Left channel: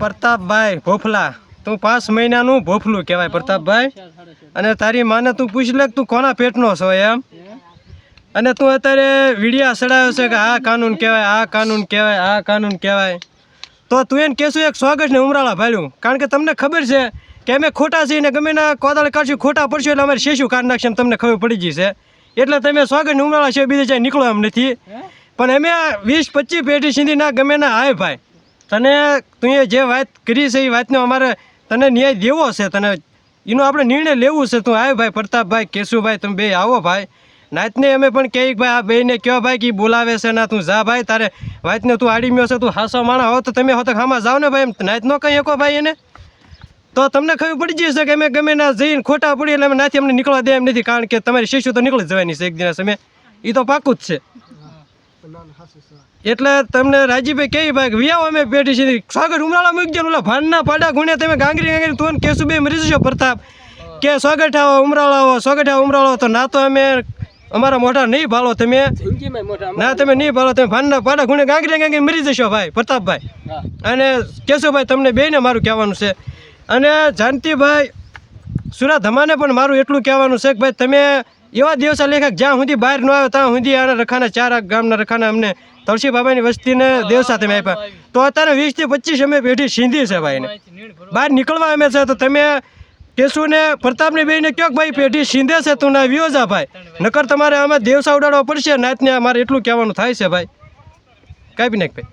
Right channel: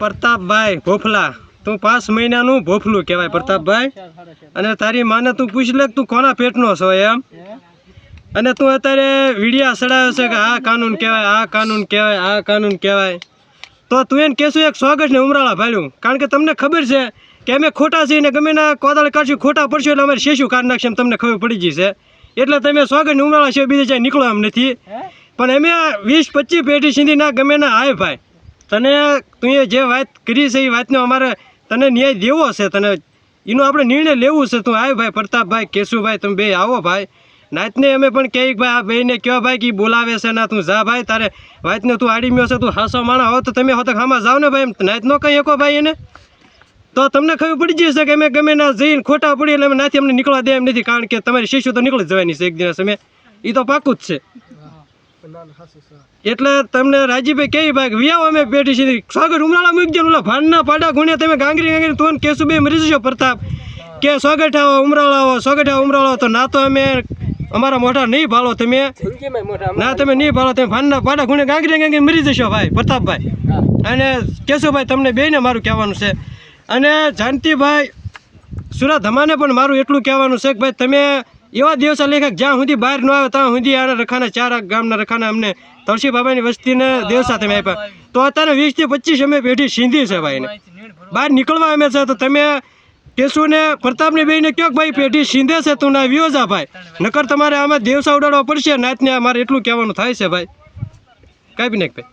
પ્રતાપભાઈ ભોફલા તું પાંચ મહિનાનું ભોફલું કહેવાય પ્રતાપભાઈ. અને તારી માને તું પૂછ લે કે તું કોના પેટનો છો એમ? અને તું અત્યારે વિડિયા સડાયો છે કે આ કાનૂન કહેવાય આ કાનૂન કહેવાય આ કાનૂન કહેવાય. તો તું એને કહેશું એક સ્વાગત ને ઉમરાળા ભાલ્યું. કારણ કે તમને ખબર છે કે અમે ખોટા છીએ ને ગમે ના કોદાળ કાઢશું ખોટા પડશું એટલે અમારે શેશું કાઢ નાખશે એમ તમને ખબર પડી જશે એટલે તમે સ્વાગત ને ઉમરાળા છે બીજે જાય નીકળો એમ નથી. પણ અમે વીસ પચીસ પેઢી સુધી ના ગમે ના હાય ભાઈ. તને તું જે વાત કરી છે એ વાતનો અમારે તને ન્યાય દેવો છે. તને એનો આપણે નિર્ણય લેવું છે. તું આવ્યો ભાઈ પ્રતાપભાઈ, કેશુભાઈ, તમે બે આવો ભાઈ. નાતને અમે પણ કહીએ કે ભાઈ આ બેને કયો ભાઈ કે બોલાવે છે ના તું જા ભાઈ, તારે વાતને તું આડી મ્યો છે, તું હાસો માણા હો તો તમે હો તો ખામાં જાઓ ને ભાઈ એમ. નાત ન કહી શકો ભાઈ એને? તો તમને ખબર પડી જશે કે અમે ગમે ના જઈને ખોટા પડી એટલે અમે નાથી અમને નીકળવા દે એમ નથી. કારણ કે તમારી શિશુ તો નીકળી જવાની છે એક દિવસ. અમે એ તો પાકું જ છે. એટલે તમને રાજીભાઈ કેવી ભાઈ કે અમે પેઢી છીએ. સ્વાગત ઉમરાળા મૂકી ને ઓલા ભાનના પાડા ગુણે તમે ગાંગરી ગાંગરી તું કેશુભાઈ બે મરી જશો પ્રતાપ. કે આવો ઉમરાળા આવો ઉમરાળો તો ના તો અમે અમારા મોઢા નહીં ભાળો તમે. ના તમે નહીં ભાલો, તમે ભાનના પાડા ગુણે ગાંગરી ગાંગરી મરી જશો ભાઈ, પ્રતાપભાઈ. અને કેશુભાઈ તમને બેને મારું કહેવાનું છે. અને જાનતીભાઈ સુરા ધમાને પણ મારું એટલું કહેવાનું છે કે ભાઈ તમે એવા દિવસે લેખક, જ્યાં સુધી બહાર ન આવ્યો, ત્યાં સુધી આના રખાના, ચાર ગામના રખાના અમને તળસી બાબાની વસ્તીને દેવ સાથે આપ્યા. તો અત્યારે વીસથી પચીસ અમે પેઢી સિંધી છે ભાઈને બહાર નીકળવા અમે છે તો તમે કેશુને, પ્રતાપને બેને કહો ભાઈ પેઢી સિંધે છે તું ના વ્યો જા ભાઈ. નકર તમારે આમાં દેવસા ઉડાડવા પડશે નાતને અમારે એટલું કહેવાનું થાય છે ભાઈ. કાપી નાખ ભાઈ.